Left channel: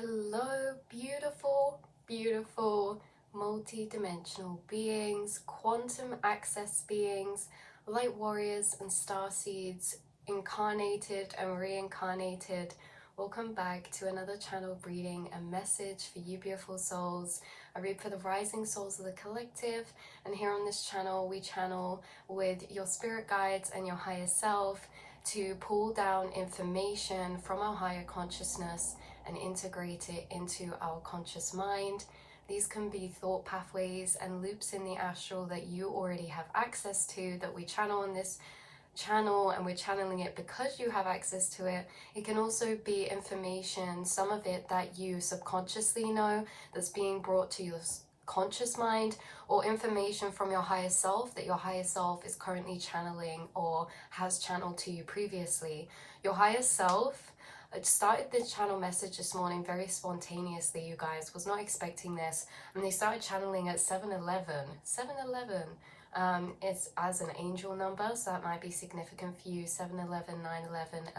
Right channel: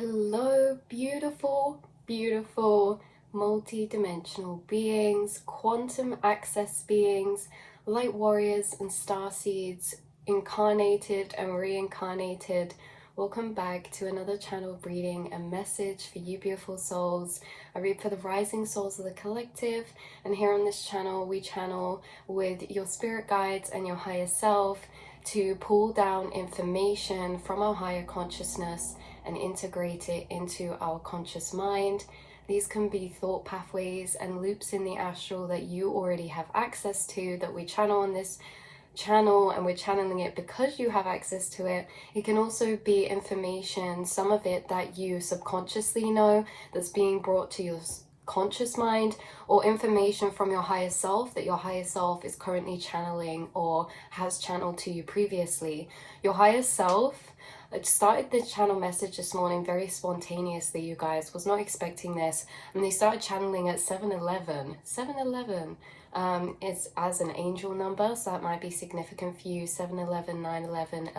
Hello, beautiful, beautiful, multi-dimensional beings, quantum access beings, light warriors and star seeds, incarnated and reincarnated. Welcome back to another channel reading, a message for you beautiful souls. I read for the rising souls of the collective, and here on this channel we channel with your spirit guides and your higher self to pull down information from our higher consciousness and integrate it into our conscious mind. These can be thought pathways and loops in the astral that you already have access to, that we channel on this channel, and we're channeling it because you have access to it. It can also be information, some of it that you subconsciously know, that's being brought to your conscious mind, or information from your higher self that your higher self is currently channeling or has channeled to you previously. Your higher self, I started this channel message this morning very spontaneously, you guys. Was not expecting this, and they started channeling at 7-Eleven. 7-Eleven is as an angel number, so that might be significant for you. 7-Eleven, 9-11,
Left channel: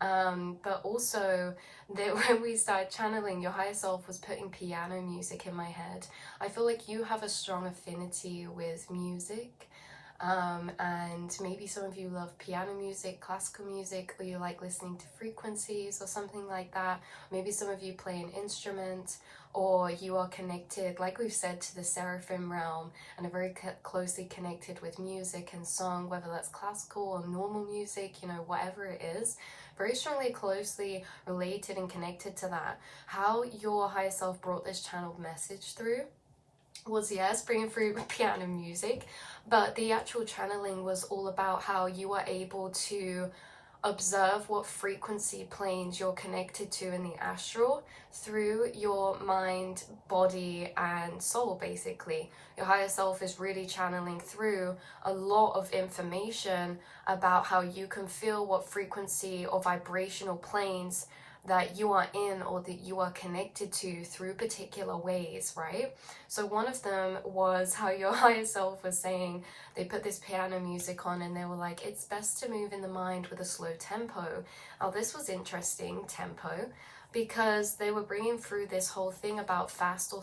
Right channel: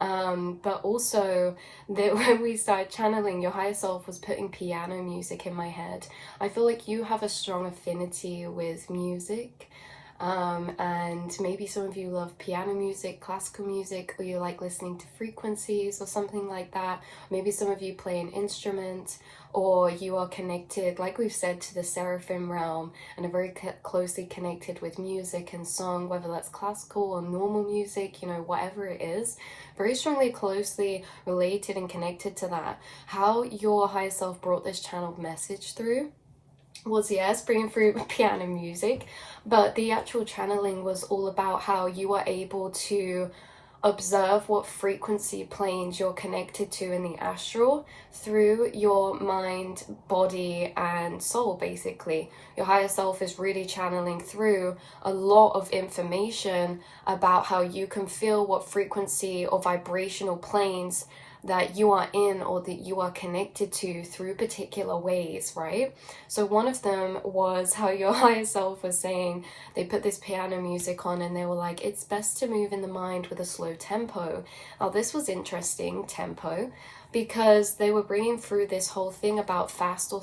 11-11. But also that when we started channeling, your higher self was putting piano music in my head. I feel like you have a strong affinity with music. And maybe some of you love piano music, classical music, or you like listening to frequencies or something like that. Maybe some of you play an instrument, or you are connected, like we've said, to the seraphim realm and are very closely connected with music and song, whether that's classical or normal music, you know, whatever it is, very strongly closely related and connected to that. How your higher self brought this channeled message through was, yes, bringing through piano music, but the actual channeling was all about how you are able to observe what frequency planes you're connected to in the astral through your mind, body, and soul. Basically, your higher self is really channeling through a lot of information about how you can feel what frequency or vibrational planes that you are in or that you are connected to through particular ways, right? So one of them was how your higher self was saying, they put this piano music on and they were like, it's best to move in the mind with a slow tempo. Now this was interesting, tempo, because they were bringing through this whole thing about fast or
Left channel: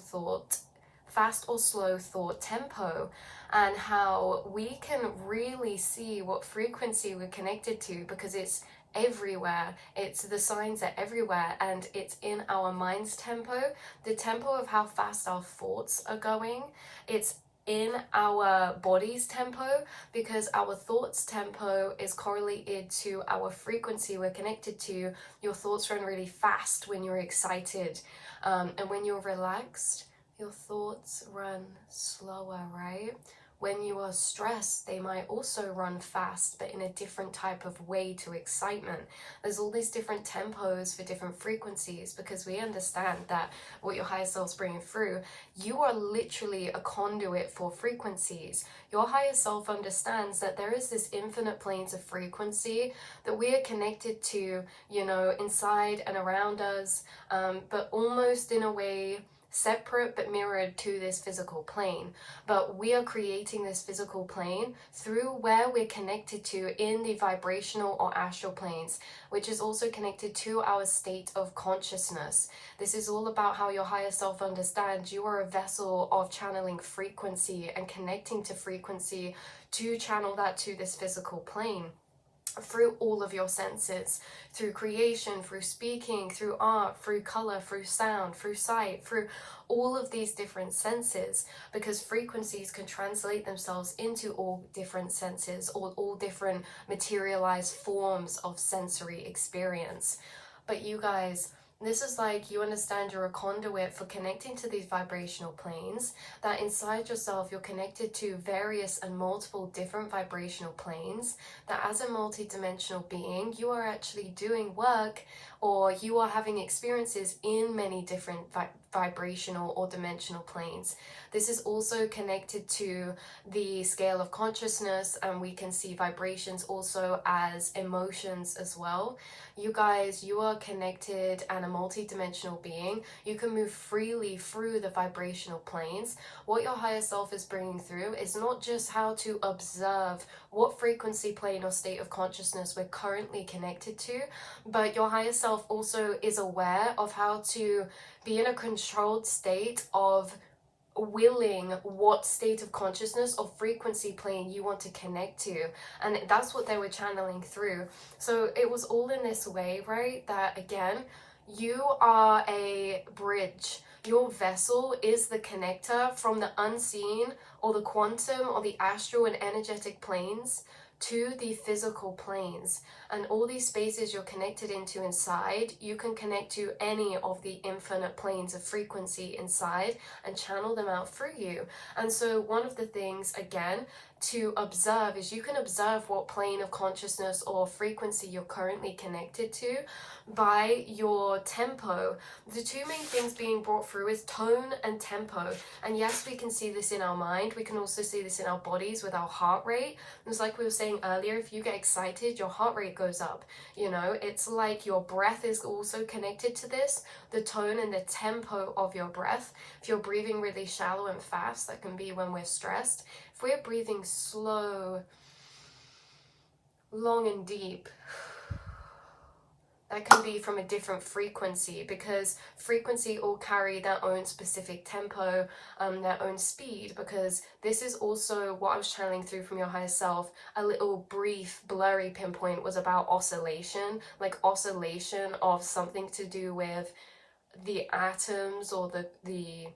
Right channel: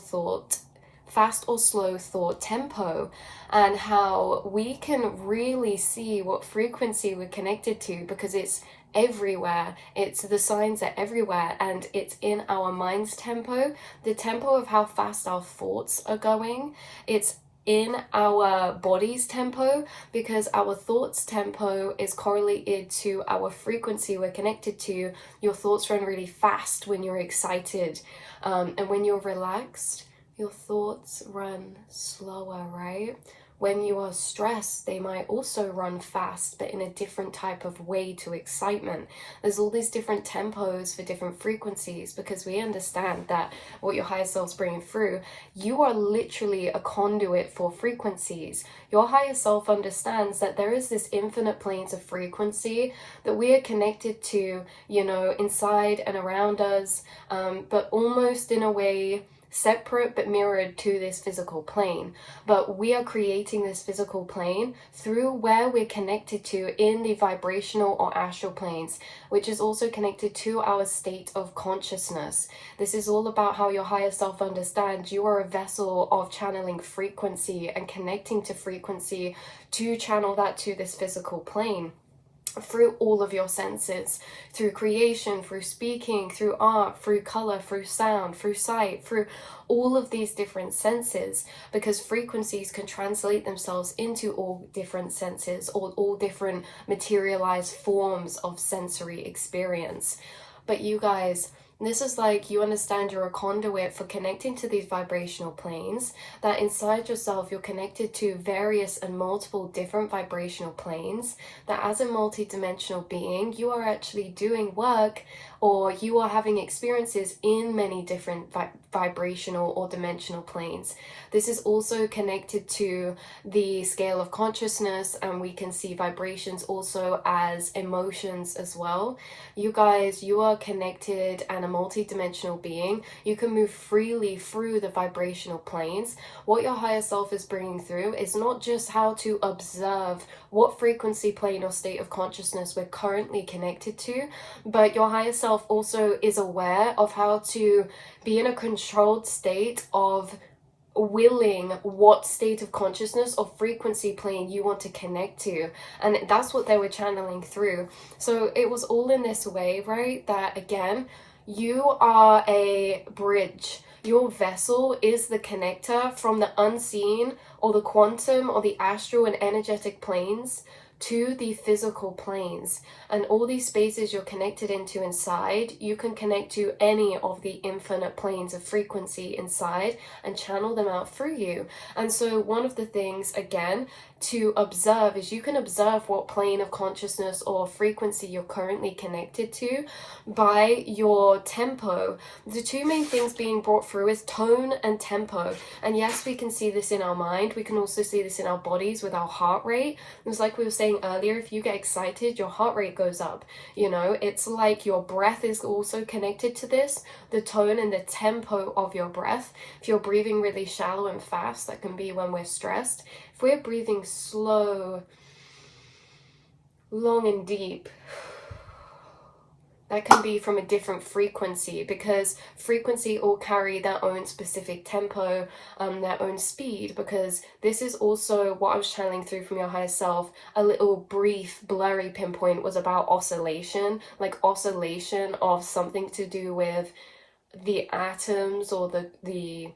slow thought tempo, and how we can really see what frequency we're connected to because it's everywhere. It's the signs are everywhere, and it's in our mind's tempo, the tempo of how fast our thoughts are going. It's in our body's tempo, because our thoughts tempo is correlated to our frequency we're connected to. Your thoughts run really fast when you're excited, and when you're relaxed, your thoughts run slower, right? When you are stressed, they might also run fast, but in a different type of way to excitement. There's all these different tempos for different frequencies, because we understand that what your higher self's bringing through, you are literally a conduit for frequencies. Your higher self understands that there is this infinite planes of frequency that we are connected to, you know, inside and around us, but almost in a way separate but mirrored to this physical plane. But we are creating this physical plane through where we're connected to in the vibrational or astral planes, which is also connected to our state of consciousness. This is all about how your higher self understands you are a vessel of channeling frequency and connecting to frequency to channel that to this physical plane through all of your senses, through creation, through speaking, through art, through color, through sound, through sight, through all of these different senses, because frequencies can translate themselves into all different senses, or all different materialized forms of sensory experience. But you guys, this is like, you understand you're a conduit for connecting to these vibrational planes, that inside yourself you're connected to various and multiple different vibrational planes, that as a multi-dimensional being you are actually doing work, or you are having experiences in many different vibrational or dimensional planes. This is also connected to the scale of consciousness, and we can see vibrations also as emotions as well. You guys, you are connected and a multi-dimensional being. You can move freely through the vibrational planes. What your higher self is bringing through is not just how to observe what frequency plane or state of consciousness we're currently connected to, but your higher self self also is aware of how to be in a controlled state of willing what state of consciousness or frequency plane you want to connect to. And that's what they were channeling through. So it was all in this way, right? That again, you are a bridge. Your vessel is the connector from the unseen or the quantum or the astral and energetic planes to the physical planes. And all these spaces you're connected into inside, you can connect to any of the infinite planes of frequency inside and channel them out through you. And so one of the things, again, to observe is you can observe what plane of consciousness or frequency you're currently connected to by your tempo. The two main things being brought through is tone and tempo. And yes, we can see this in our mind. We can also see this in our bodies with our heart rate. It was like we were saying earlier, if you get excited, your heart rate goes up. You know, it's like your breath is also connected to this, the tone and the tempo of your breath. If you're breathing really shallow and fast, that can be when we're stressed. If we're breathing slow, long and deep, that can be from a different frequency, because frequency all carry their own specific tempo, their own speed, because this is also what I was channeling through from your higher self. A little brief blurry pinpoint was about oscillation, like oscillation of something to do with the atoms or the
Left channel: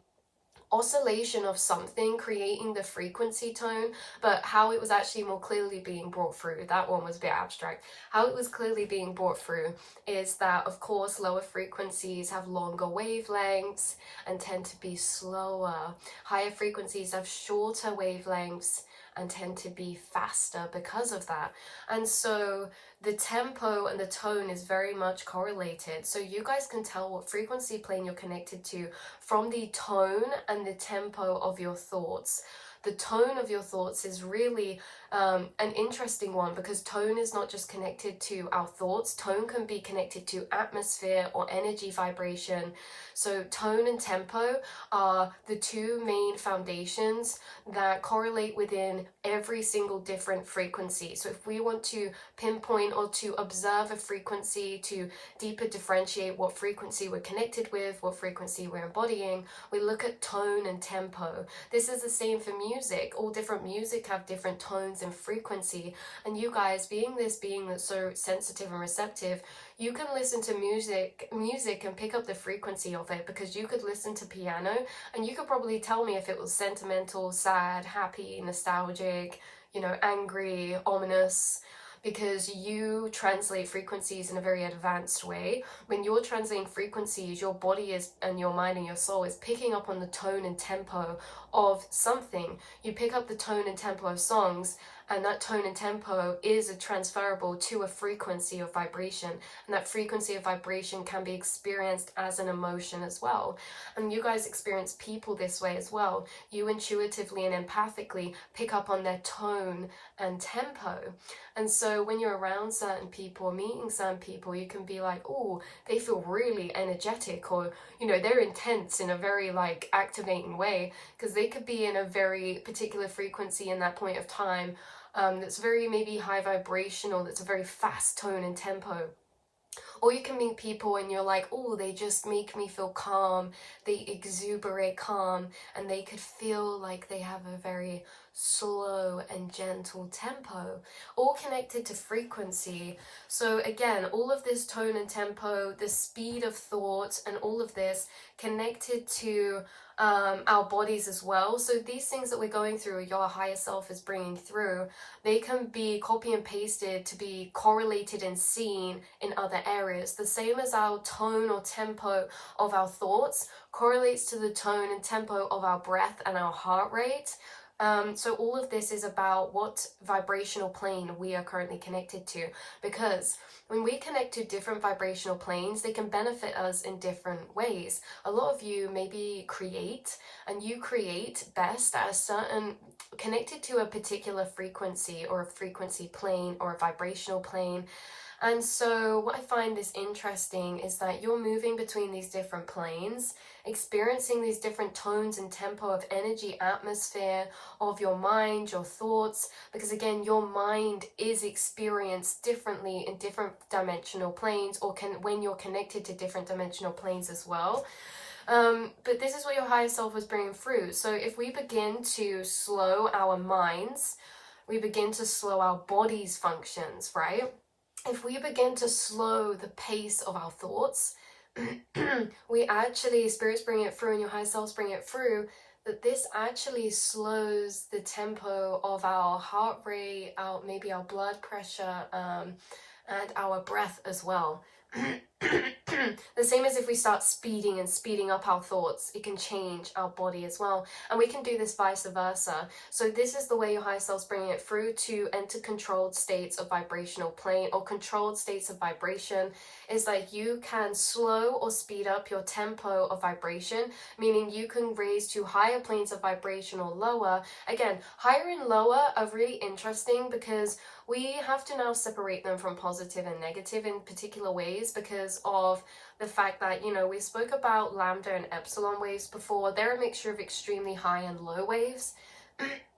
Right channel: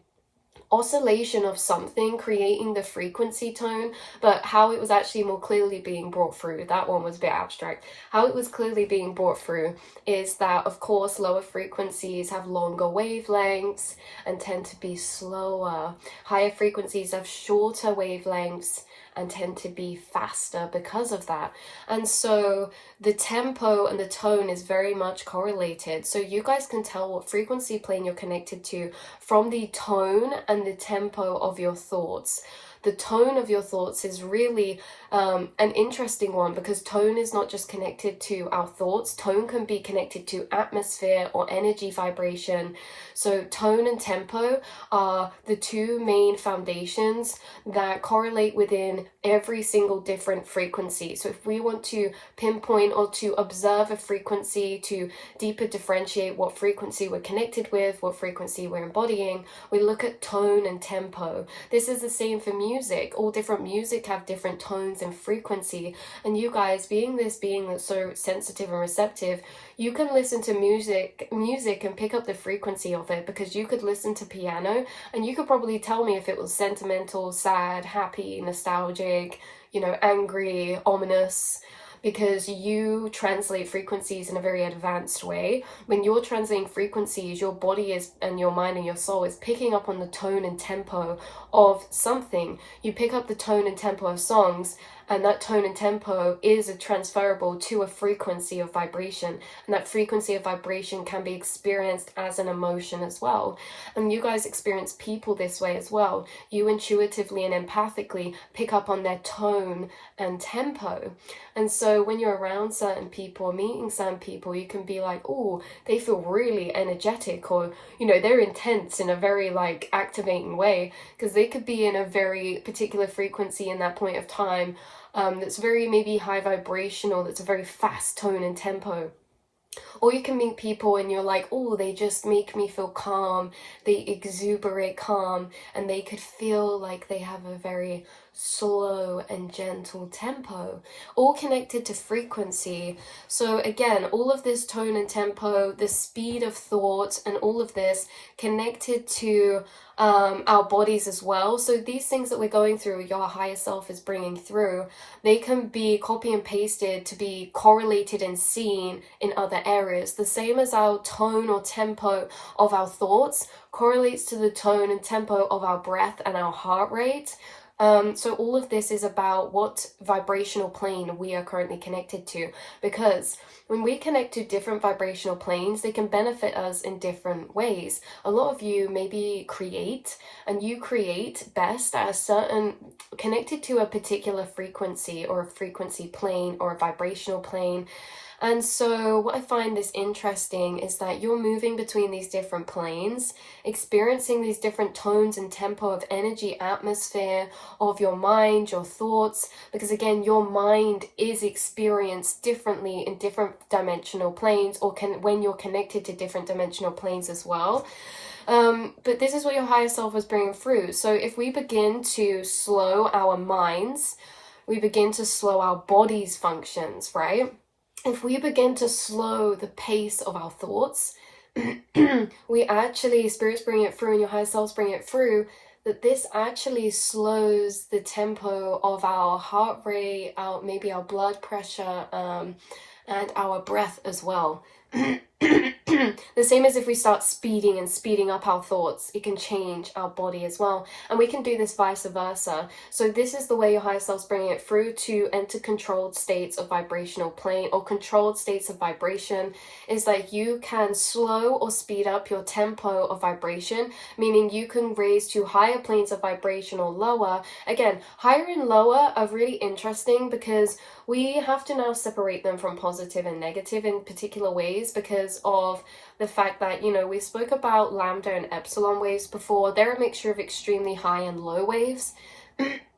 oscillation of something creating the frequency tone. But how it was actually more clearly being brought through, that one was a bit abstract. How it was clearly being brought through is that, of course, lower frequencies have longer wavelengths and tend to be slower. Higher frequencies have shorter wavelengths and tend to be faster because of that. And so the tempo and the tone is very much correlated. So you guys can tell what frequency plane you're connected to from the tone and the tempo of your thoughts. The tone of your thoughts is really an interesting one, because tone is not just connected to our thoughts. Tone can be connected to atmosphere or energy vibration. So tone and tempo are the two main foundations that correlate within every single different frequency. So if we want to pinpoint or to observe a frequency, to deeper differentiate what frequency we're connected with, what frequency we're embodying, we look at tone and tempo. This is the same for music. All different music have different tones and frequency. And you guys, being this being that's so sensitive and receptive, you can listen to music and pick up the frequency of it, because you could listen to piano and you could probably tell me if it was sentimental, sad, happy, nostalgic, you know, angry, ominous, because you translate frequencies in a very advanced way. When you're translating frequencies, your body is, and your mind and your soul is picking up on the tone and tempo of something. You pick up the tone and tempo of songs, and that tone and tempo is transferable to a frequency of vibration, and that frequency of vibration can be experienced as an emotion as well. And you guys experience people this way as well. You intuitively and empathically pick up on their tone and tempo. And so when you're around certain people or meeting certain people, you can be like, oh, they feel really energetic, or, you know, they're intense in a very like activating way, because they could be in a very particular frequency in that point of time that's very maybe high vibrational, that's a very fast tone and tempo. Or you can meet people and you're like, oh, they just make me feel calm, they exuberate calm, and they could feel like they have a very slow and gentle tempo, all connected to frequency. So again, all of this tone and tempo, the speed of thought, and all of this connected to our bodies as well. So these things that we're going through, your higher self is bringing through, they can be copy and pasted to be correlated and seen in other areas. The same as our tone or tempo of our thoughts correlates to the tone and tempo of our breath and our heart rate. So all of this is about what vibrational plane we are currently connected to, because when we connect to different vibrational planes, they can benefit us in different ways. A lot of you maybe create, and you create best at a certain, connected to a particular frequency or a frequency plane or a vibrational plane. And so what I find this interesting is that you're moving between these different planes, experiencing these different tones and tempo of energy, atmosphere, of your mind, your thoughts, because again, your mind is experienced differently in different dimensional planes, or when you're connected to different dimensional planes as well. But this is what your higher self is bringing through. So if we begin to slow our minds, we begin to slow our body's functions, right? If we begin to slow the pace of our thoughts, we actually, Spirit's bringing it through and your higher self's bringing it through, that this actually slows the tempo of our heart rate, maybe our blood pressure, and our breath as well. The same as if we start speeding up our thoughts, it can change our body as well. And we can do this vice versa. So this is the way your higher self's bringing it through to enter controlled states of vibrational plane, or controlled states of vibration, is like you can slow or speed up your tempo of vibration, meaning you can raise to higher planes of vibration or lower. Again, higher and lower are really interesting because we have to now separate them from positive and negative in particular ways, because of the fact that, you know, we spoke about lambda and epsilon waves before. They're a mixture of extremely high and low waves.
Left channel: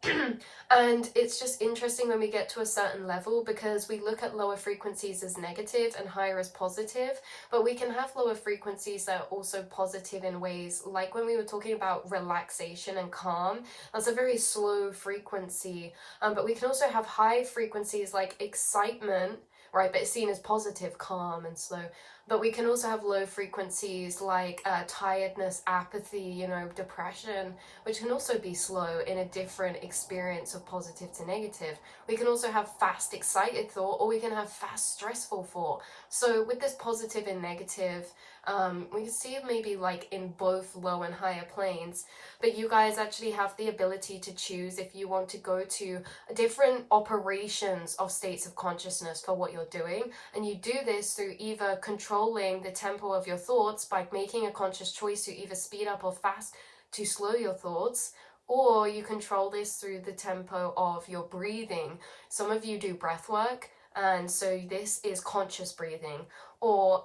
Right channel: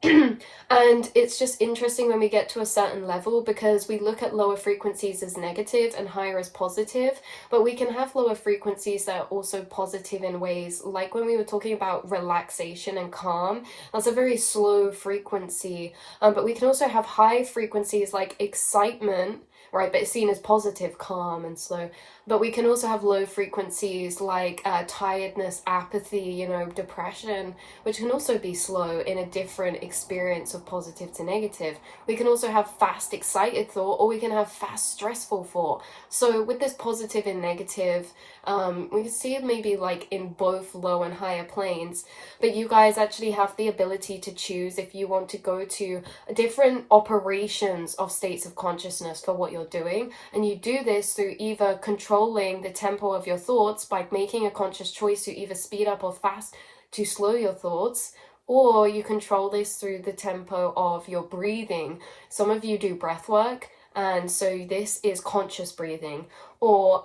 And it's just interesting when we get to a certain level, because we look at lower frequencies as negative and higher as positive, but we can have lower frequencies that are also positive in ways, like when we were talking about relaxation and calm. That's a very slow frequency, but we can also have high frequencies like excitement, right, but it's seen as positive, calm and slow. But we can also have low frequencies like tiredness, apathy, you know, depression, which can also be slow in a different experience of positive to negative. We can also have fast, excited thought, or we can have fast, stressful thought. So with this positive and negative, we can see it maybe like in both low and higher planes, but you guys actually have the ability to choose if you want to go to different operations of states of consciousness for what you're doing. And you do this through either controlling the tempo of your thoughts by making a conscious choice to either speed up or fast to slow your thoughts, or you control this through the tempo of your breathing. Some of you do breath work, and so this is conscious breathing. Or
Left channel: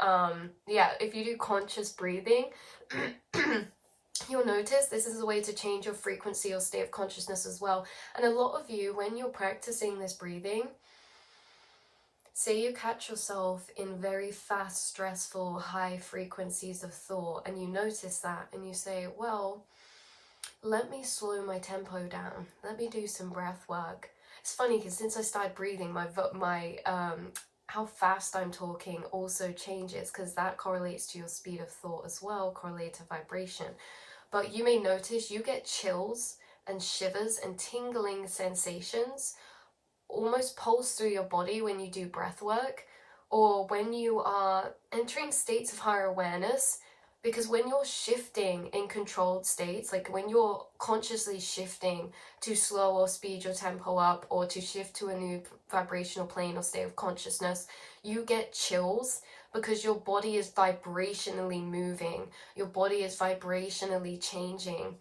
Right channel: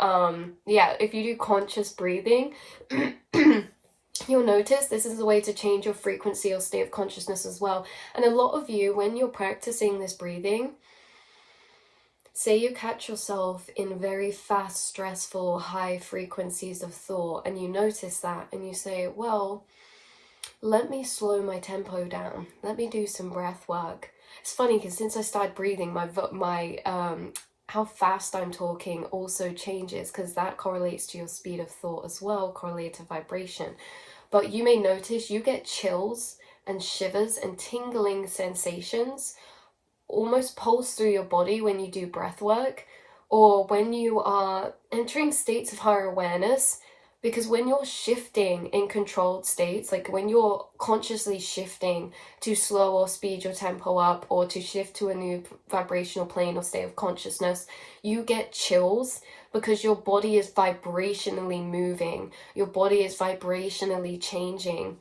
if you do conscious breathing, you'll notice this is a way to change your frequency or state of consciousness as well. And a lot of you, when you're practicing this breathing, say you catch yourself in very fast, stressful, high frequencies of thought, and you notice that, and you say, well, let me slow my tempo down. Let me do some breath work. It's funny because since I started breathing, my how fast I'm talking also changes, because that correlates to your speed of thought as well, correlated to vibration. But you may notice you get chills and shivers and tingling sensations almost pulse through your body when you do breath work, or when you are entering states of higher awareness. Because when you're shifting in controlled states, like when you're consciously shifting to slow or speed your tempo up, or to shift to a new vibrational plane or state of consciousness, you get chills because your body is vibrationally moving. Your body is vibrationally changing.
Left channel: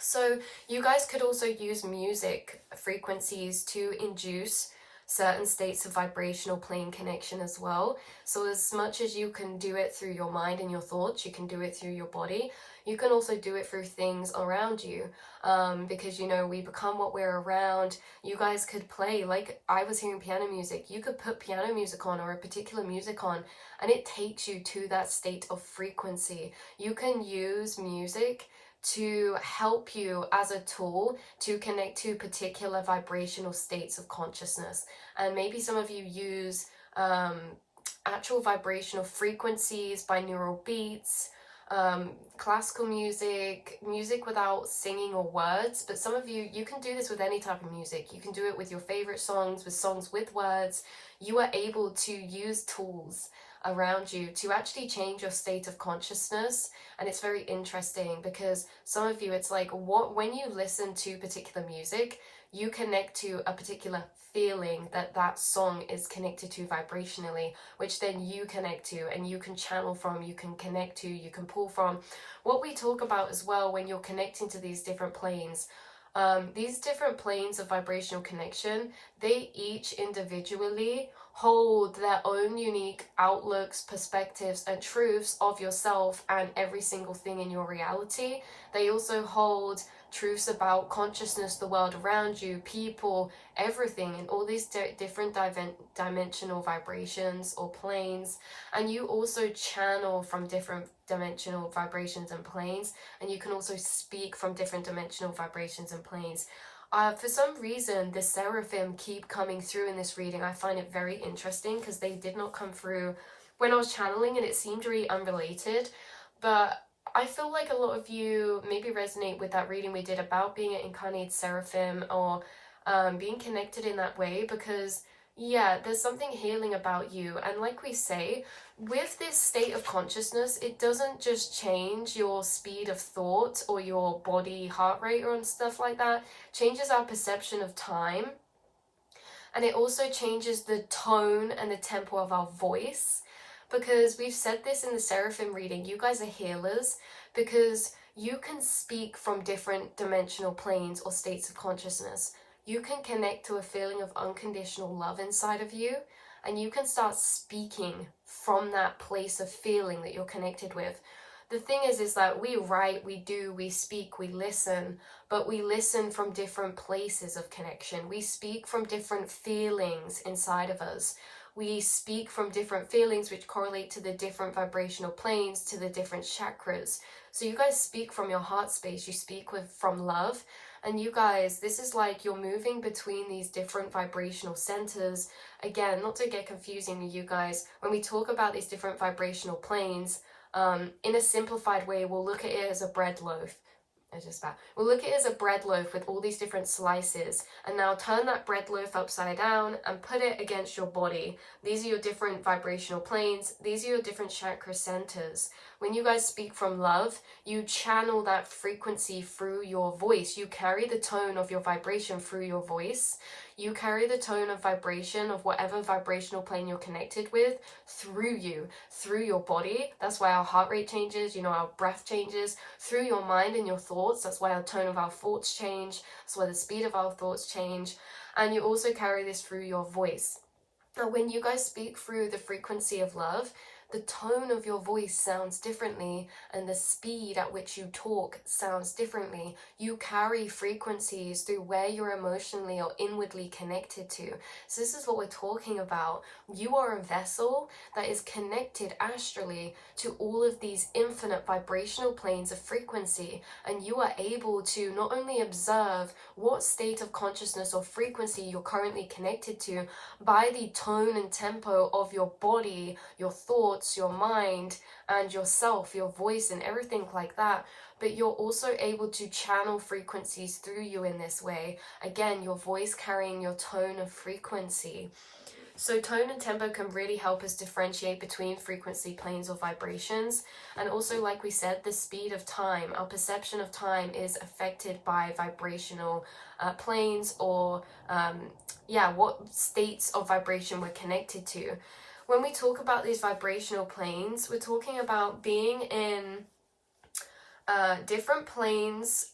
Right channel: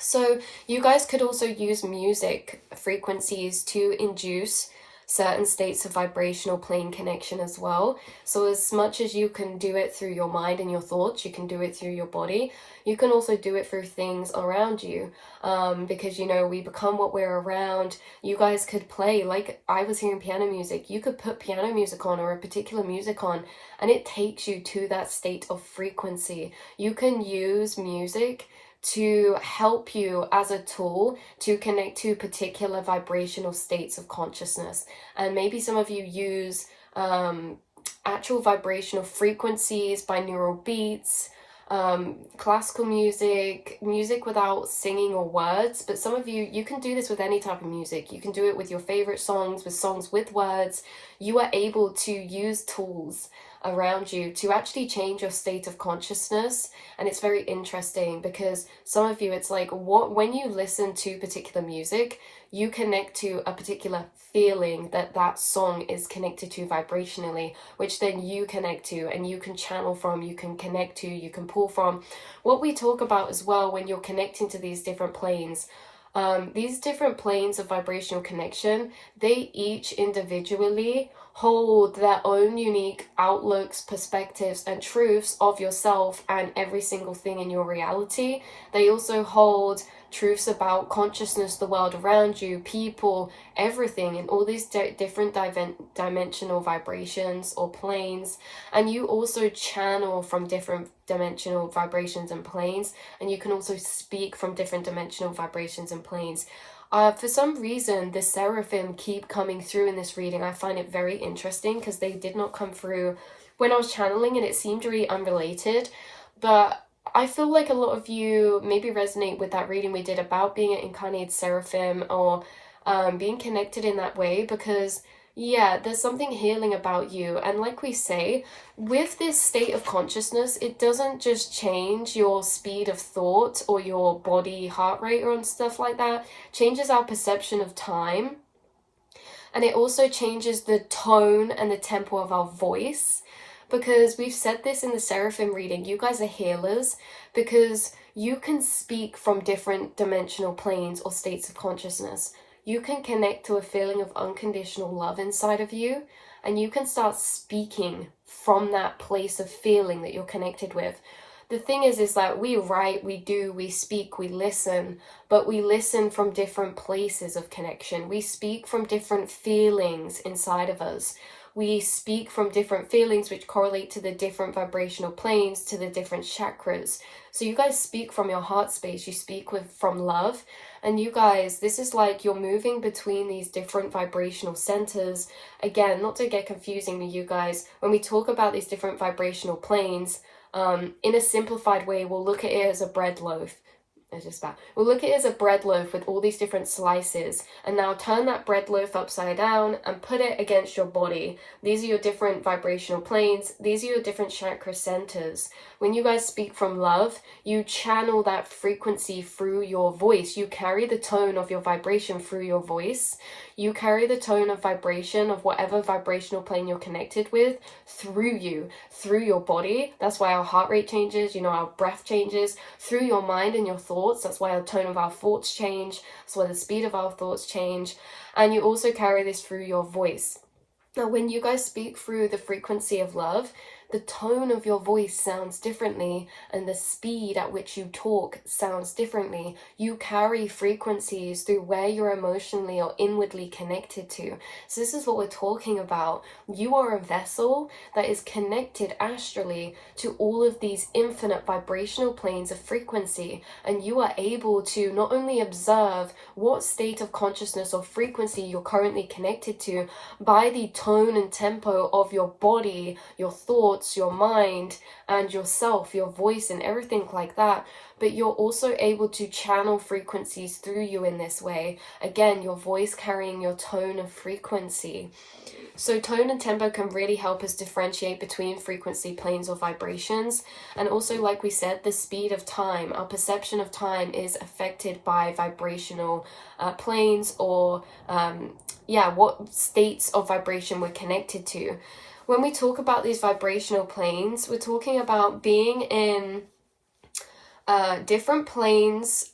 So you guys could also use music frequencies to induce certain states of vibrational plane connection as well. So as much as you can do it through your mind and your thoughts, you can do it through your body. You can also do it through things around you, because, you know, we become what we're around. You guys could play, like I was hearing piano music. You could put piano music on, or a particular music on, and it takes you to that state of frequency. You can use music to help you as a tool to connect to particular vibrational states of consciousness. And maybe some of you use actual vibrational frequencies, binaural beats, classical music, music without singing or words. But some of you can do this with any type of music. You can do it with your favorite songs, with songs with words. You are able to use tools around you to actually change your state of consciousness. And it's very interesting because some of you, it's like when you listen to particular music, you connect to a particular feeling that song is connected to vibrationally, which then you connect to and you can channel from, you can connect to, you can pull from. What we talk about as well when you're connecting to these different planes, these different planes of vibrational connection, they each individually hold their own unique outlooks, perspectives, and truths of yourself and every single thing in your reality. They also hold truths about consciousness, the world around you, people, everything, in all these different dimensional vibrations or planes. And you also channel from different dimensional vibrations and planes, and you can also speak from different dimensional vibrations and planes. For some reason, the seraphim keep coming through in this reading. I find it very interesting because they did not come through when I was channeling, and it seemed really unrelated. But I feel like a lot of you maybe resonate with that reading we did about being an incarnated seraphim, or being connected in that way, because yeah, there's something healing about you. And like we say, with this state of consciousness, it doesn't just change your speed of thought or your body heart rate or stuff like that. It changes our perception of time. And it also changes the tone and the tempo of our voice. Because we've said this in the seraphim reading, you guys are healers, because you can speak from different dimensional planes or states of consciousness. You can connect to a feeling of unconditional love inside of you, and you can start speaking from that place of feeling that you're connected with. The thing is that we write, we do, we speak, we listen, but we listen from different places of connection. We speak from different feelings inside of us. We speak from different feelings which correlate to the different vibrational planes, to the different chakras. So you guys speak from your heart space, you speak from love. And you guys, this is like you're moving between these different vibrational centers. Again, not to get confusing with you guys, when we talk about these different vibrational planes, in a simplified way, we'll look at it as a bread loaf. It's just bad. We'll look at it as a bread loaf with all these different slices, and now turn that bread loaf upside down and put it against your body. These are your different vibrational planes. These are your different chakra centers. When you guys speak from love, you channel that frequency through your voice. You carry the tone of your vibration through your voice. You carry the tone of vibration of whatever vibrational plane you're connected with through you, through your body. That's why our heart rate changes, our breath changes, through your mind and your thoughts. That's why the tone of our thoughts change. That's why the speed of our thoughts change. And you also carry this through your voice. Now, when you guys speak through the frequency of love, the tone of your voice sounds differently, and the speed at which you talk sounds differently. You carry frequencies through where you're emotionally or inwardly connected to. So this is what we're talking about. You are a vessel that is connected astrally to all of these infinite vibrational planes of frequency, and you are able to not only observe what state of consciousness or frequency you're currently connected to by the tone and tempo of your body, your thoughts, your mind, and yourself, your voice, and everything like that, but you're also able to channel frequencies through you in this way. Again, your voice carrying your tone of frequency. So tone and tempo can really help us differentiate between frequency planes or vibrations. And also, like we said, the speed of time, our perception of time is affected by vibrational planes, or what states of vibration we're connected to. When we talk about these vibrational planes, we're talking about being in different planes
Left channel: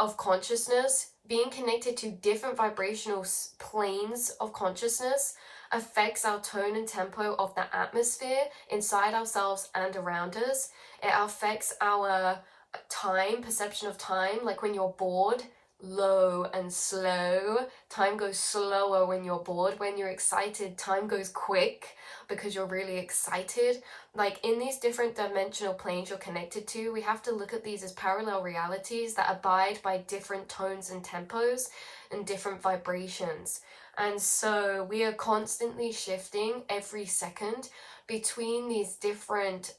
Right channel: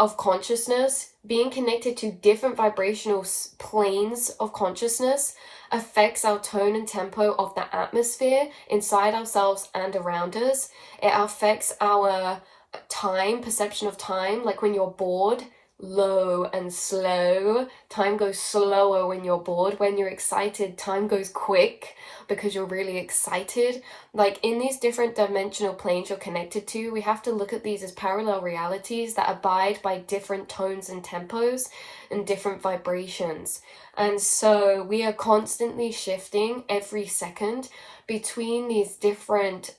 of consciousness. Being connected to different vibrational planes of consciousness affects our tone and tempo of the atmosphere inside ourselves and around us. It affects our time, perception of time, like when you're bored, low and slow. Time goes slower when you're bored. When you're excited, time goes quick because you're really excited. Like in these different dimensional planes you're connected to, we have to look at these as parallel realities that abide by different tones and tempos and different vibrations. And so we are constantly shifting every second between these different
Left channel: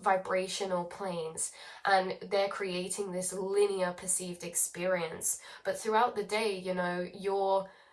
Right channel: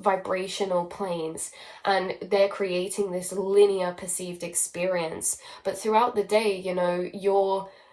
vibrational planes, and they're creating this linear perceived experience. But throughout the day,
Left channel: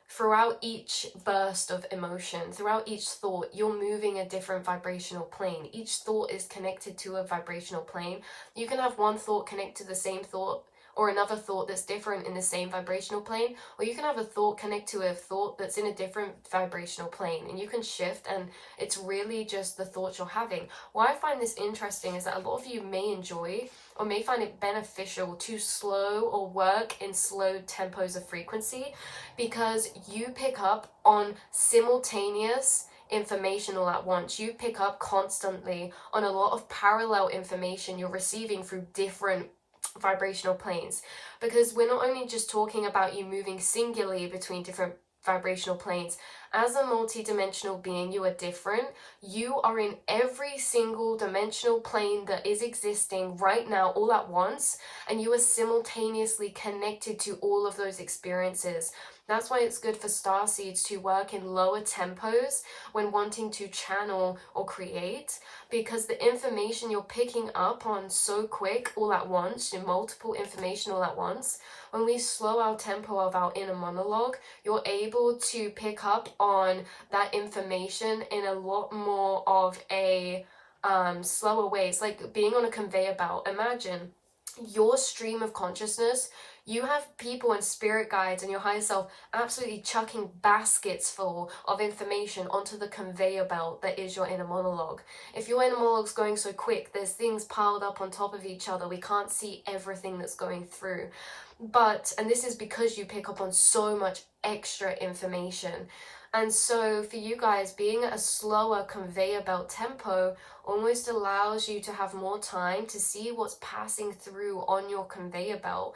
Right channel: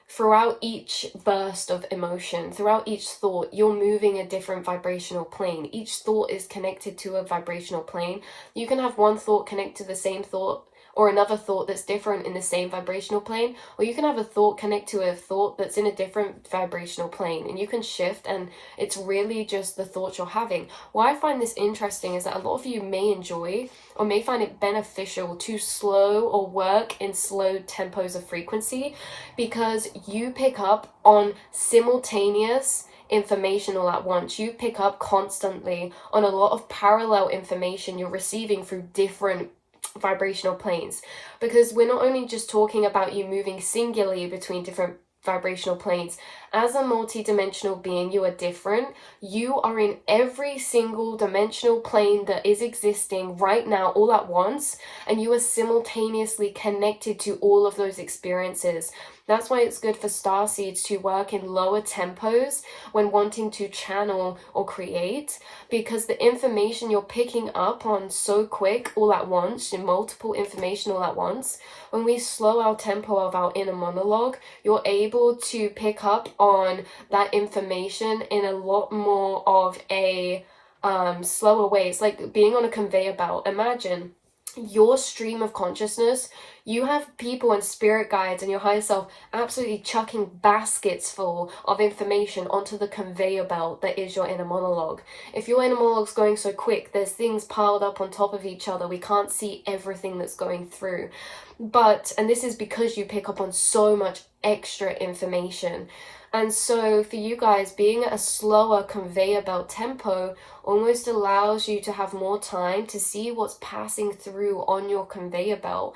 throughout each burst of emotion, throughout each thought, you're moving a different vibrational plane. Each thought is connected to a vibrational plane. You can have one thought connect to the same thought or another thought that's different in the same vibrational plane, or you can have a thought connect to a thought that's in a different vibrational plane, and you can shift, and it's really just the thoughts you're having. Why I find this interesting is that a lot of you may enjoy or may find it beneficial to slow or work in slow tempos of frequency, because you pick up on simultaneous information all at once. You pick up constantly on a lot of parallel information you're receiving through different vibrational planes, because we're not only just talking about you moving singularly between different vibrational planes. As a multi-dimensional being, you are different. You are in every single dimensional plane that is existing right now all at once, and you are simultaneously connected to all of those experiences. That's why it's good for starseeds to work in lower tempos when wanting to channel or create, because the information you're picking up on so quick all at once, in multiple information all at once, when we slow our tempo of our inner monologue, you're able to pick up on that information in a lot more of a slower way. It's like being on a conveyor belt. Imagine your stream of consciousness. You have people and spirit guides and your higher self absolutely chucking baskets full of information onto the conveyor belt that is your inner monologue. If your inner monologue's going so quick, there's things piled up on top of each other. We can't see everything that's going through. And this is because you pick up on so much extra information. And so for you guys, being at a slower conveyor belt tempo almost allows you to have more time to see what's passing through on your conveyor belt,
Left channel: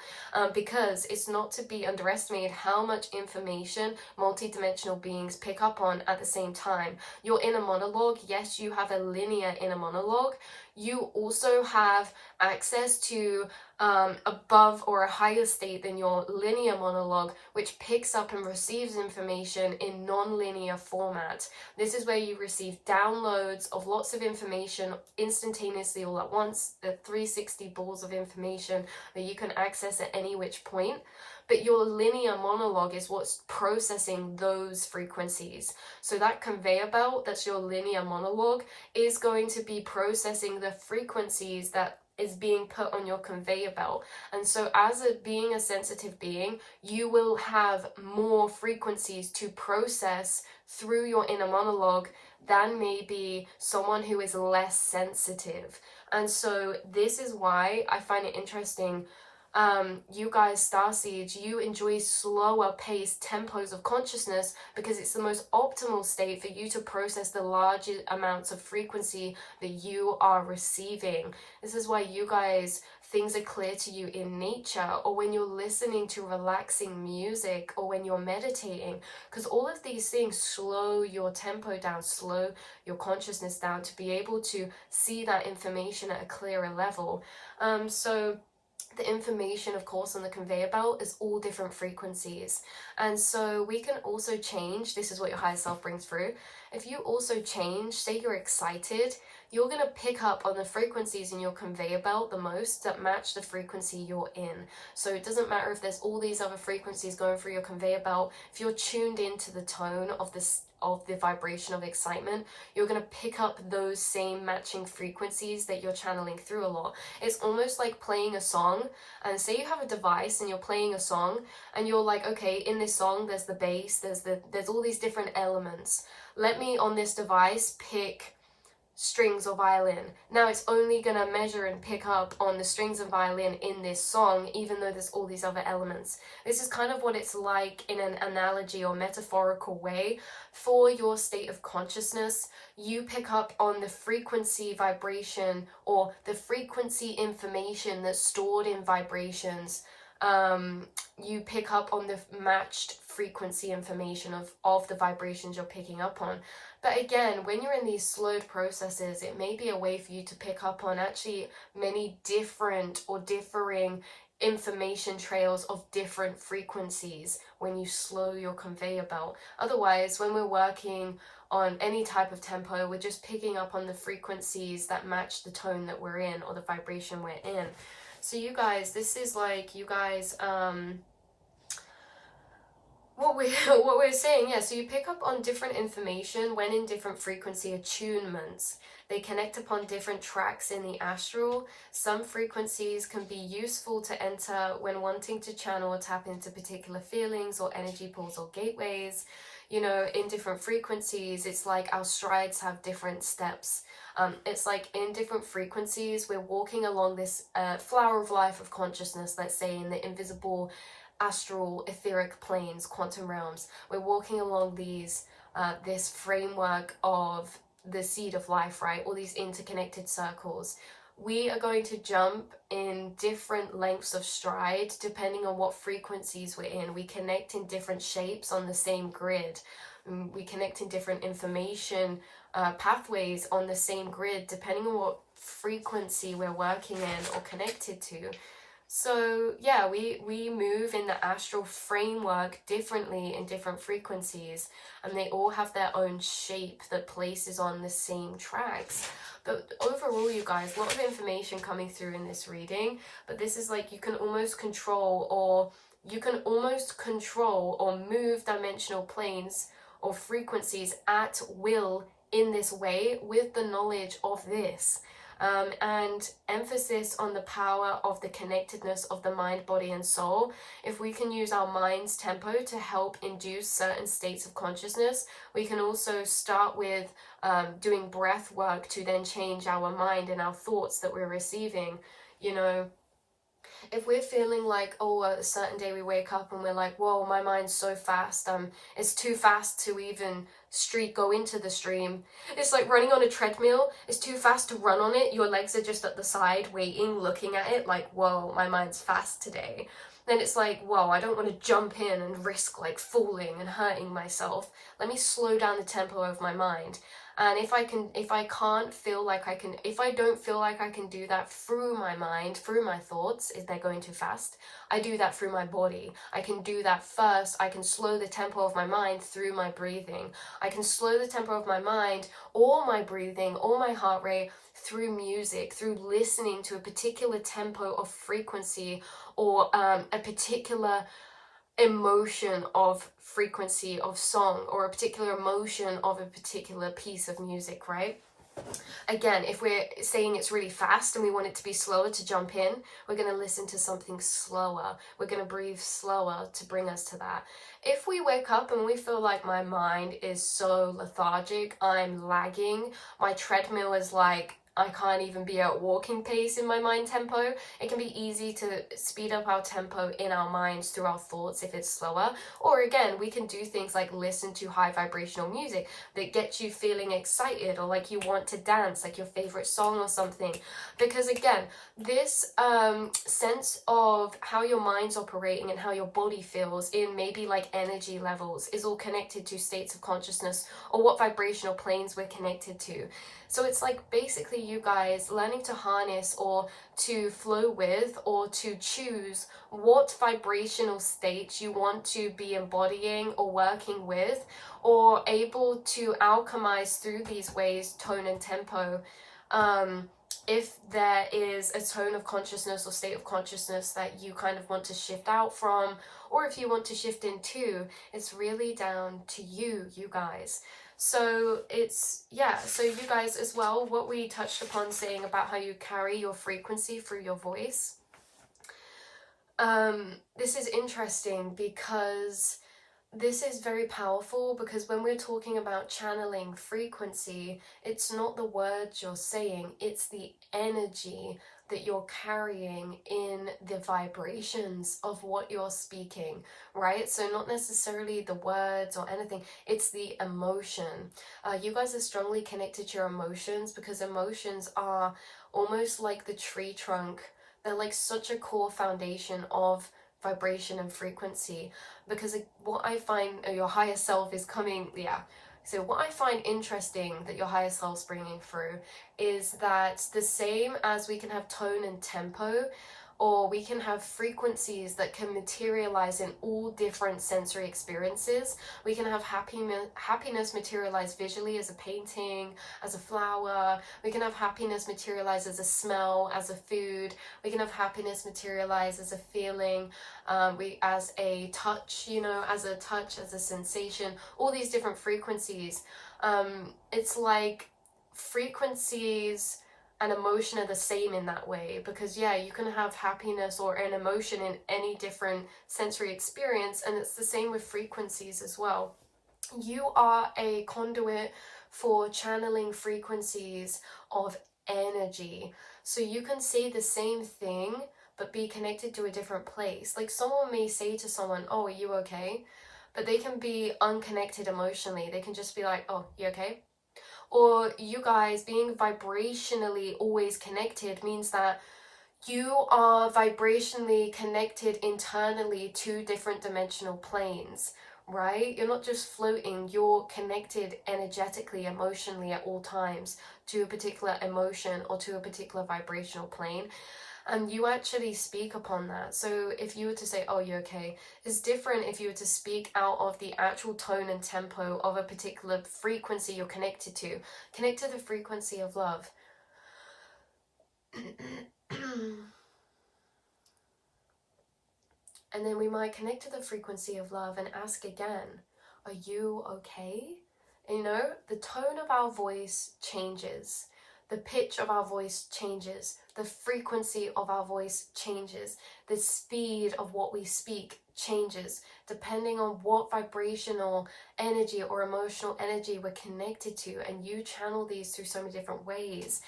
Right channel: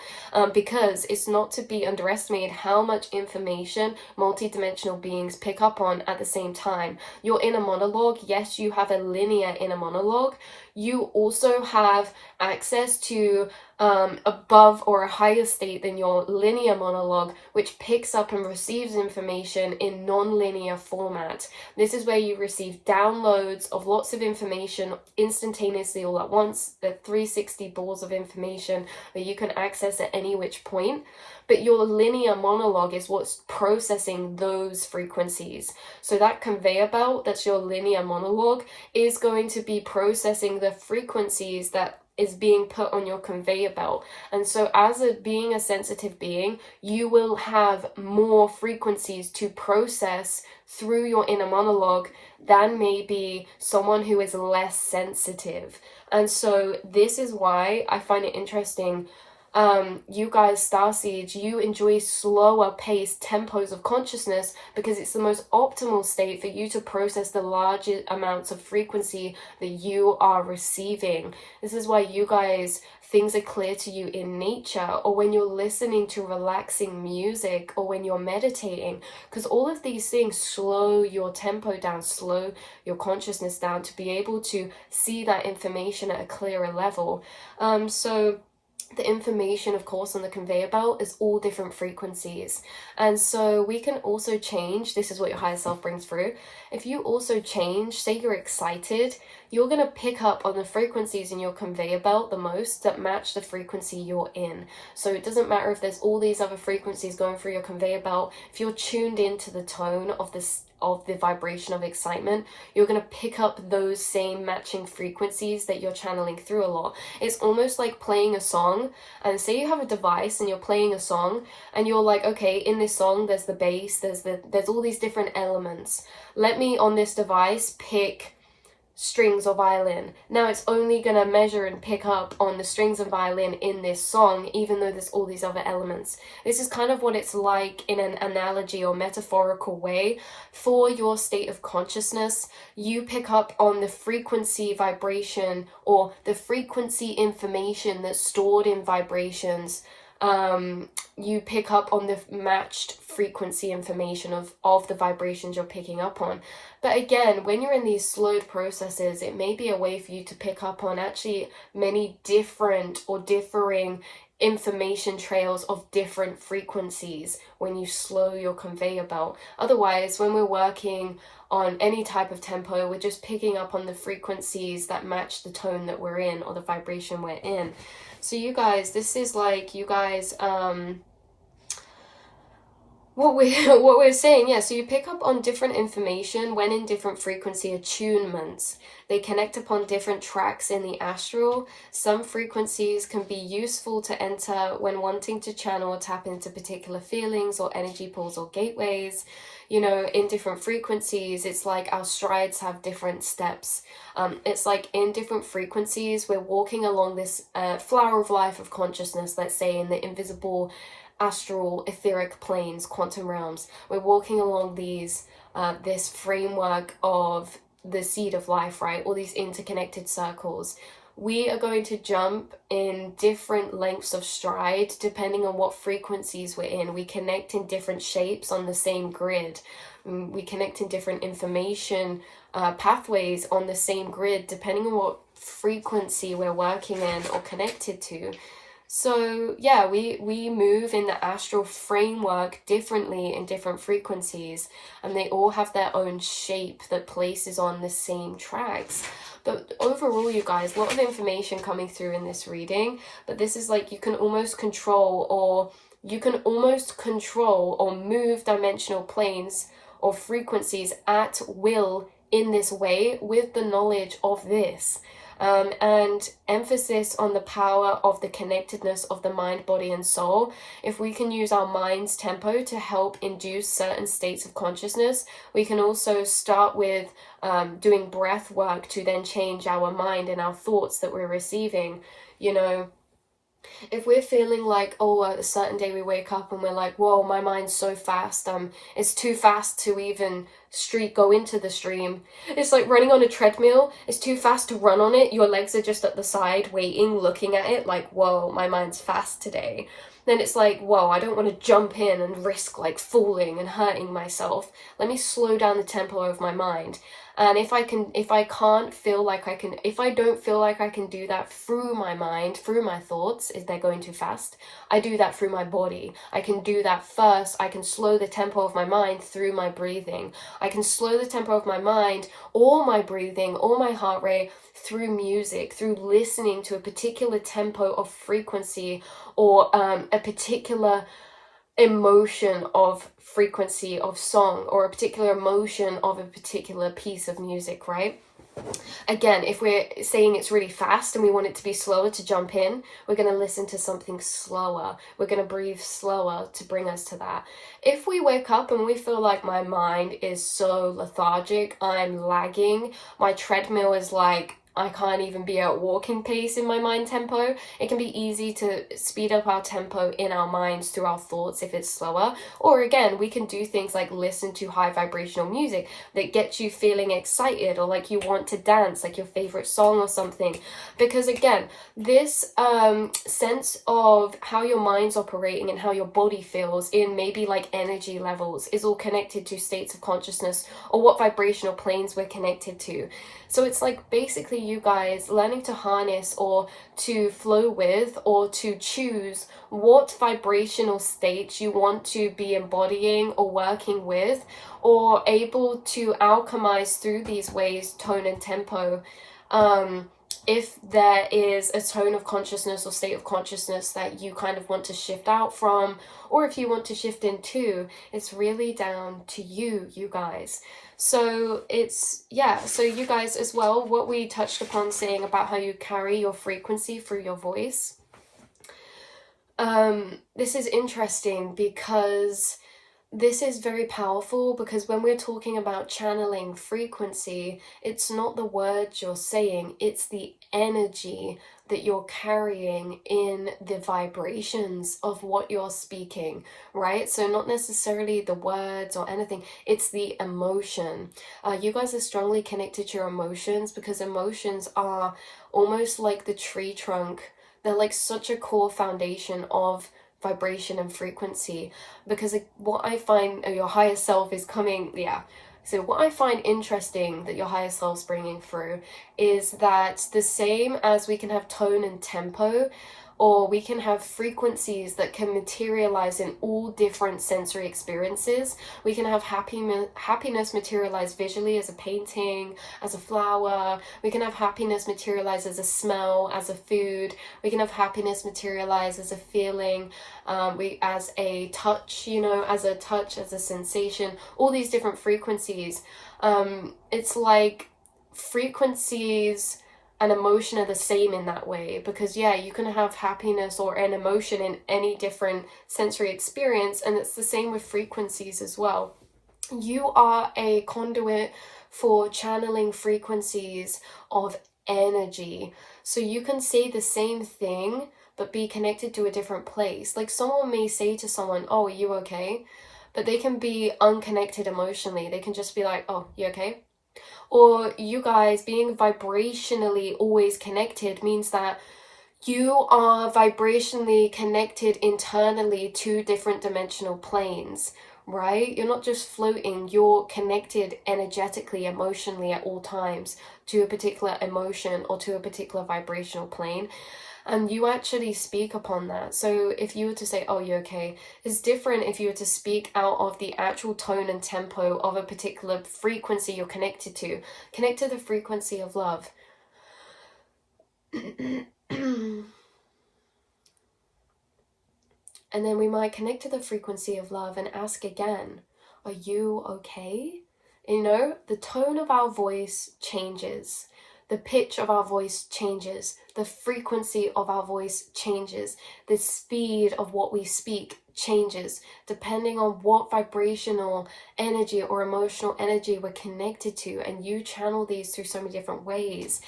because it's not to be underestimated how much information multidimensional beings pick up on at the same time. Your inner monologue, yes, you have a linear inner monologue. You also have access to above or a higher state than your linear monologue, which picks up and receives information in non-linear format. This is where you receive downloads of lots of information instantaneously all at once. The 360 balls of information that you can access at any which point. But your linear monologue is what's processing those frequencies. So that conveyor belt, that's your linear monologue, is going to be processing the frequencies that is being put on your conveyor belt. And so as being a sensitive being, you will have more frequencies to process through your inner monologue than maybe someone who is less sensitive. And so this is why I find it interesting. You guys, starseeds, you enjoy slower paced tempos of consciousness because it's the most optimal state for you to process the larger amounts of frequency that you are receiving. This is why you guys, things are clear to you in nature, or when you're listening to relaxing music, or when you're meditating, because all of these things slow your tempo down, slow your consciousness down to be able to see that information at a clearer level. So the information, of course, on the conveyor belt is all different frequencies. And so we can also change, this is what your higher self brings through. If you also change, say you're excited, you're going to pick up on the frequencies in your conveyor belt the most that match the frequency you're in. So it doesn't matter if there's all these other frequencies going through your conveyor belt. If you're tuned into the tone of the vibration of excitement, you're going to pick up those same matching frequencies that you're channeling through a lot. It's almost like playing a song, and say you have a device and you're playing a song and you're like, okay, in this song there's the bass, there's all these different elements. Let me on this device pick strings or violin. Now it's only going to measure and pick up on the strings and violin in this song, even though there's all these other elements. This is kind of what it's like in an analogy or metaphorical way for your state of consciousness. You pick up on the frequency vibration, or the frequency information that's stored in vibrations. You pick up on the matched frequency information of the vibrations you're picking up on. But again, when you're in these slowed processes, it may be a way for you to pick up on actually many different or differing information trails of different frequencies when you slow your conveyor belt. Otherwise, when we're working on any type of tempo, we're just picking up on the frequencies that match the tone that we're in or the vibration we're in. So you guys, this is like, you guys, what we're saying, yeah, so you pick up on different information when in different frequency attunements. They connect upon different tracks in the astral. Some frequencies can be useful to enter when wanting to channel or tap into particular feelings or energy pools or gateways. You know, in different frequencies, it's like our strides have different steps. It's like in different frequencies, we're walking along this flower of life of consciousness, let's say in the invisible astral etheric planes, quantum realms. We're walking along these this framework of the seed of life, right? All these interconnected circles. We are going to jump in different lengths of stride depending on what frequencies we're in. We connect in different shapes on the same grid. We connect in different information pathways on the same grid depending on what frequency we're working in or connected to. So yeah, we move in the astral framework differently in different frequencies, and they all have their own shape that places on the same tracks. But overall, you guys, a lot of information coming through in this reading, but this is like you can almost control or move dimensional planes or frequencies at will in this way with the knowledge of this. And emphasis on the power of the connectedness of the mind, body, and soul. If we can use our mind's tempo to help induce certain states of consciousness, we can also start with doing breath work to then change our mind and our thoughts that we're receiving. You know, if we're feeling like, oh, a certain day we wake up and we're like, whoa, my mind's so fast, it's too fast to even go into the stream. It's like running on a treadmill. It's too fast to run on it. Your legs are just at the side waiting, looking at it like, whoa, my mind's fast today. Then it's like, whoa, I don't want to jump in and risk like falling and hurting myself. Let me slow down the tempo of my mind. And if I don't feel like I can do that through my mind, through my thoughts, if they're going too fast, I do that through my body. I can do that first. I can slow the tempo of my mind through my breathing. I can slow the tempo of my mind or my breathing or my heart rate through music, through listening to a particular tempo of frequency or a particular emotion of frequency of song or a particular emotion of a particular piece of music, right? Again, if we're saying it's really fast and we want it to be slower to jump in, we're going to listen to something slower. We're going to breathe slower to bring us to that. If we wake up and we feel like my mind is so lethargic, I'm lagging, my treadmill is like, I can't even be at walking pace in my mind tempo. It can be easy to speed up our tempo in our minds through our thoughts if it's slower. Or again, we can do things like listen to high vibrational music that gets you feeling excited or like you want to dance, like your favorite song or something. Because again, this sense of how your mind's operating and how your body feels in maybe like energy levels is all connected to states of consciousness or what vibrational planes we're connected to. So it's like basically you guys learning to harness or to flow with or to choose what vibrational states you want to be embodying or working with, or able to alchemize through these ways, tone and tempo. If there is a tone of consciousness or state of consciousness that you kind of want to shift out from, or if you want to shift into, it's really down to you guys. So it's, yeah, so you guys as well, what we touched upon saying about how you carry your frequency through your voice. This is interesting because this is very powerful, because when we're talking about channeling frequency, it's not the words you're saying, it's the energy that you're carrying in the vibrations of what you're speaking, right? So not necessarily the words or anything, it's the emotion. You guys are strongly connected to your emotions, because emotions are almost like the tree trunk. They're like such a core foundation of vibration and frequency, because what I find your higher self is coming, so what I find interesting that your higher self's bringing through is that the same as we can have tone and tempo, or we can have frequencies that can materialize in all different sensory experiences. We can have happiness materialize visually as a painting, as a flower. We can have happiness materialize as a smell, as a food. We can have happiness materialize as a feeling, as a touch, you know, as a touch, as a sensation, all these different frequencies. It's like frequencies and emotion are the same in that way, because yeah, you can have happiness or an emotion in any different sensory experience, and it's the same with frequencies as well. You are a conduit for channeling frequencies of energy, so you can say the same thing but be connected to a different place. Like someone may say to someone, oh, are you okay? But they can be unconnected emotionally. They can just be like, oh, you okay? Or you guys being vibrationally always connected means that you are vibrationally connected internally to different dimensional planes, right? You're not just floating, you're connected energetically, emotionally at all times to a particular emotion or to a particular vibrational plane. And you actually speak upon that. So if you were to say, oh, you're okay, it's different if you were to speak out of the actual tone and tempo of a particular frequency you're connected to. Connect to the frequency of love. And then we might connect to the frequency of love and ask again, are you okay? You know, the tone of our voice changes. The pitch of our voice changes. The frequency of our voice changes. The speed of what we speak changes depending on what vibrational energy or emotional energy we're connected to, and you channel these through so many different ways.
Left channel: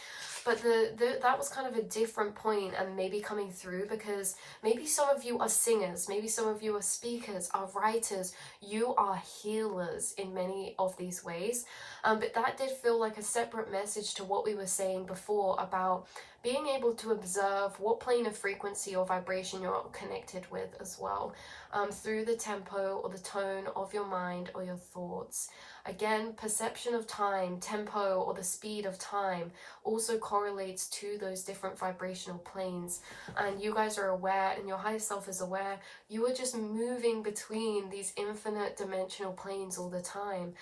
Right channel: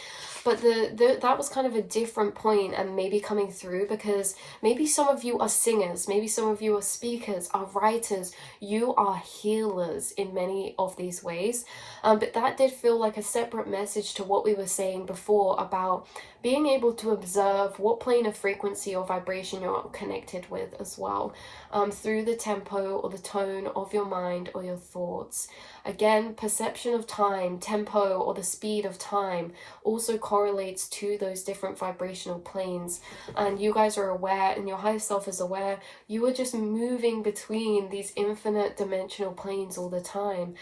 But that was kind of a different point, and maybe coming through because maybe some of you are singers, maybe some of you are speakers, are writers, you are healers in many of these ways. But that did feel like a separate message to what we were saying before about being able to observe what plane of frequency or vibration you're connected with as well, through the tempo or the tone of your mind or your thoughts. Again, perception of time, tempo, or the speed of time also correlates to those different vibrational planes. And you guys are aware, and your higher self is aware, you are just moving between these infinite dimensional planes all the time.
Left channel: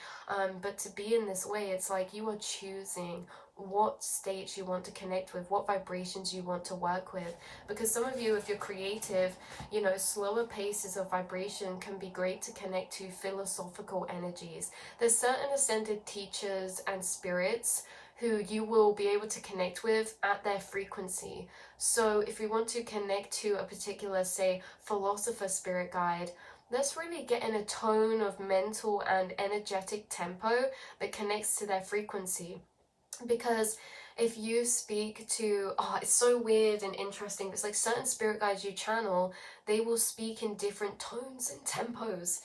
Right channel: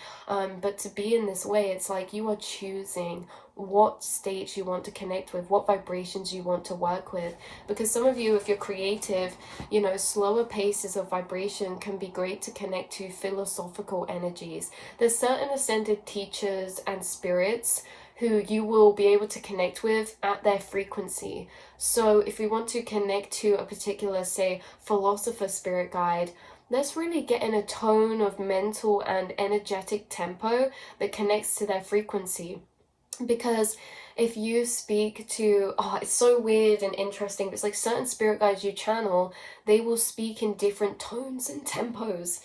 But to be in this way, it's like you are choosing what states you want to connect with, what vibrations you want to work with. Because some of you, if you're creative, you know, slower paces of vibration can be great to connect to philosophical energies. There's certain ascended teachers and spirits who you will be able to connect with at their frequency. So if we want to connect to a particular, say, philosopher spirit guide, let's really get in a tone of mental and energetic tempo that connects to their frequency. Because if you speak to, oh, it's so weird and interesting, but it's like certain spirit guides you channel, they will speak in different tones and tempos.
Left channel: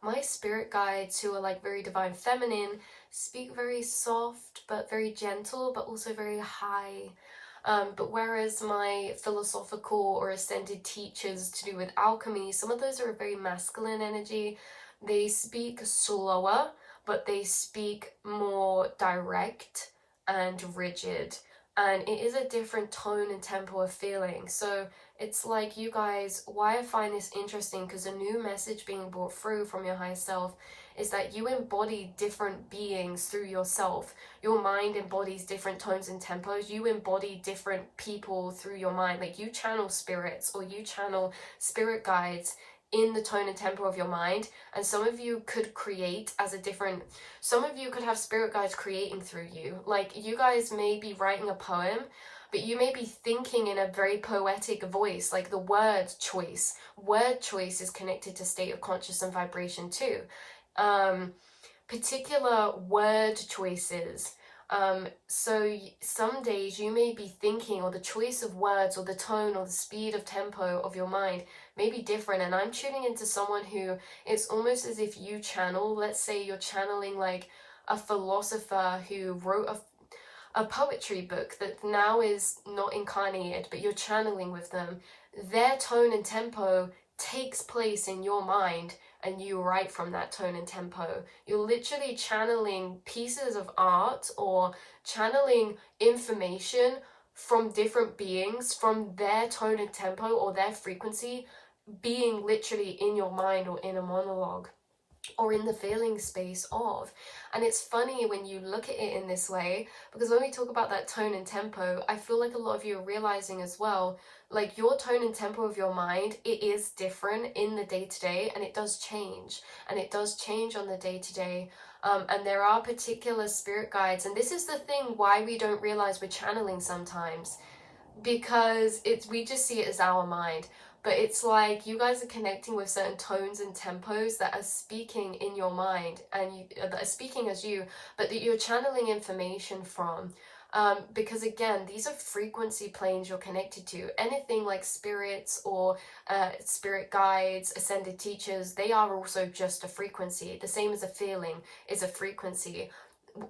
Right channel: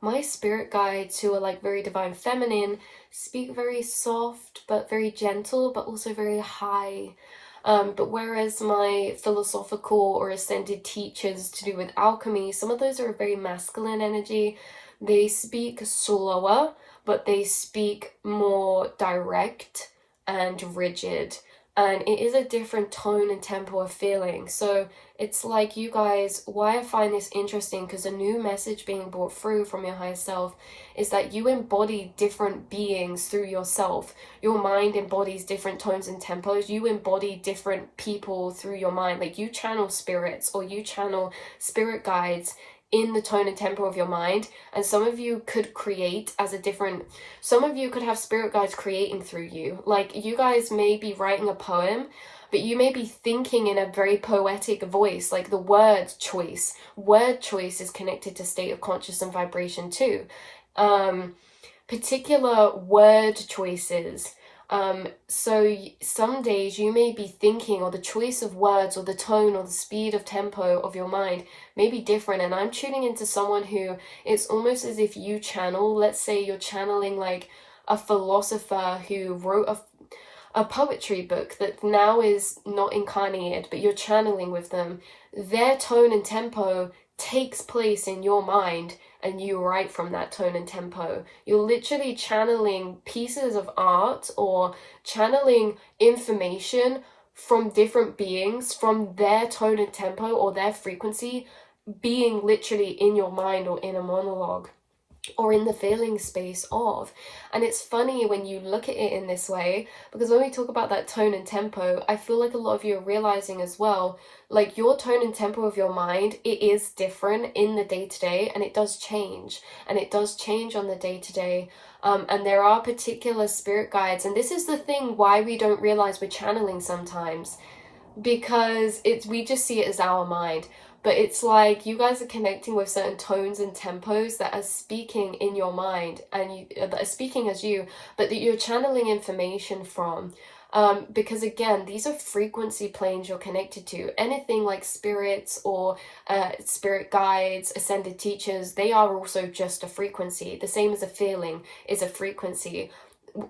My spirit guides, who are like very divine feminine, speak very soft but very gentle, but also very high. But whereas my philosophical or ascended teachers to do with alchemy, some of those are a very masculine energy. They speak slower, but they speak more direct and rigid, and it is a different tone and tempo of feeling. So it's like, you guys, why I find this interesting, because a new message being brought through from your higher self is that you embody different beings through yourself. Your mind embodies different tones and tempos. You embody different people through your mind. Like, you channel spirits or you channel spirit guides in the tone and tempo of your mind. And some of you could create as a different, some of you could have spirit guides creating through you. Like, you guys may be writing a poem, but you may be thinking in a very poetic voice. Like, the word choice is connected to state of conscious and vibration too. Particular word choices. So some days you may be thinking, or the choice of words or the tone or the speed of tempo of your mind may be different. And I'm tuning into someone who, it's almost as if you channel, let's say you're channeling like a philosopher who wrote a poetry book that now is not incarnated, but you're channeling with them. Their tone and tempo takes place in your mind, and you write from that tone and tempo. You're literally channeling pieces of art or channeling information from different beings, from their tone and tempo or their frequency being literally in your mind or in a monologue or in the feeling space of. And it's funny when you look at it in this way, because when we talk about that tone and tempo, I feel like a lot of you are realizing as well, like your tone and tempo of your mind, it is different in the day-to-day, and it does change, and it does change on the day-to-day. And there are particular spirit guides, and this is the thing why we don't realize we're channeling sometimes, because we just see it as our mind. But it's like you guys are connecting with certain tones and tempos that are speaking in your mind, and that are speaking as you, but that you're channeling information from. Because again, these are frequency planes you're connected to. Anything like spirits or spirit guides, ascended teachers, they are also just a frequency. The same as a feeling is a frequency.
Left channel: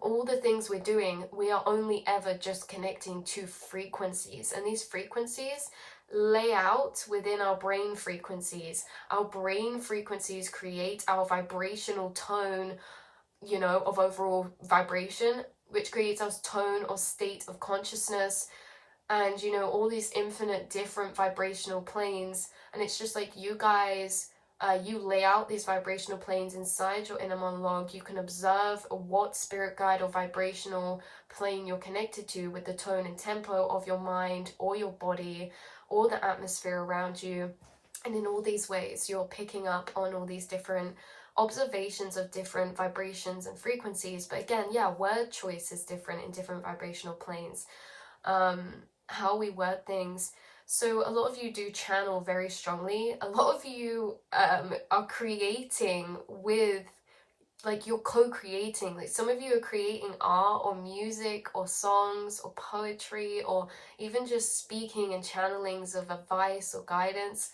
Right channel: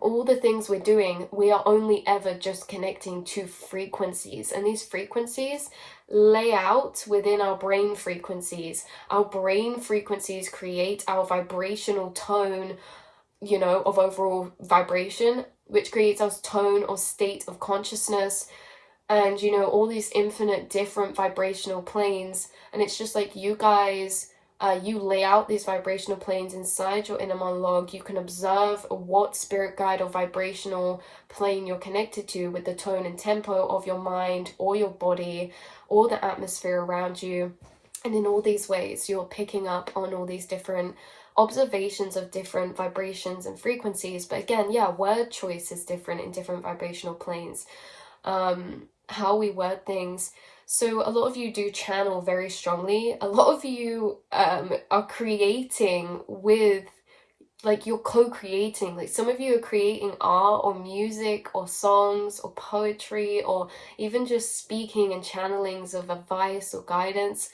All the things we're doing, we are only ever just connecting to frequencies, and these frequencies lay out within our brain frequencies. Our brain frequencies create our vibrational tone, you know, of overall vibration, which creates our tone or state of consciousness, and you know, all these infinite different vibrational planes. And it's just like you guys, you lay out these vibrational planes inside your inner monologue. You can observe what spirit guide or vibrational plane you're connected to with the tone and tempo of your mind or your body or the atmosphere around you. And in all these ways, you're picking up on all these different observations of different vibrations and frequencies. But again, yeah, word choice is different in different vibrational planes. How we word things. So a lot of you do channel very strongly. A lot of you are creating with, like, you're co-creating. Like, some of you are creating art or music or songs or poetry or even just speaking and channelings of advice or guidance.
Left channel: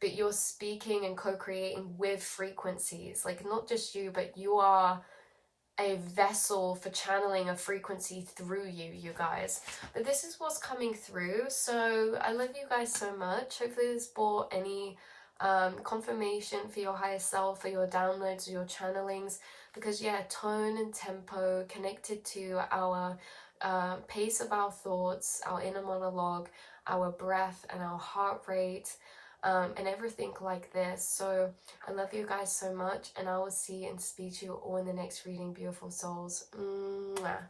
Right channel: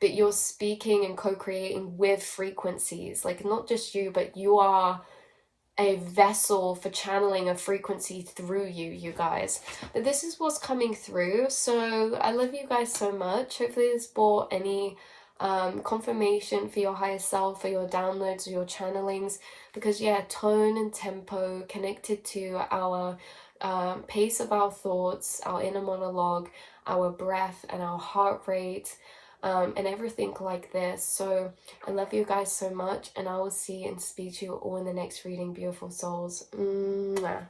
But you're speaking and co-creating with frequencies. Like, not just you, but you are a vessel for channeling a frequency through you guys. But this is what's coming through. So I love you guys so much. Hopefully this brought any confirmation for your higher self, for your downloads or your channelings, because yeah, tone and tempo connected to our pace of our thoughts, our inner monologue, our breath and our heart rate, and everything like this. So I love you guys so much, and I will see and speak to you all in the next reading, beautiful souls. Mwah.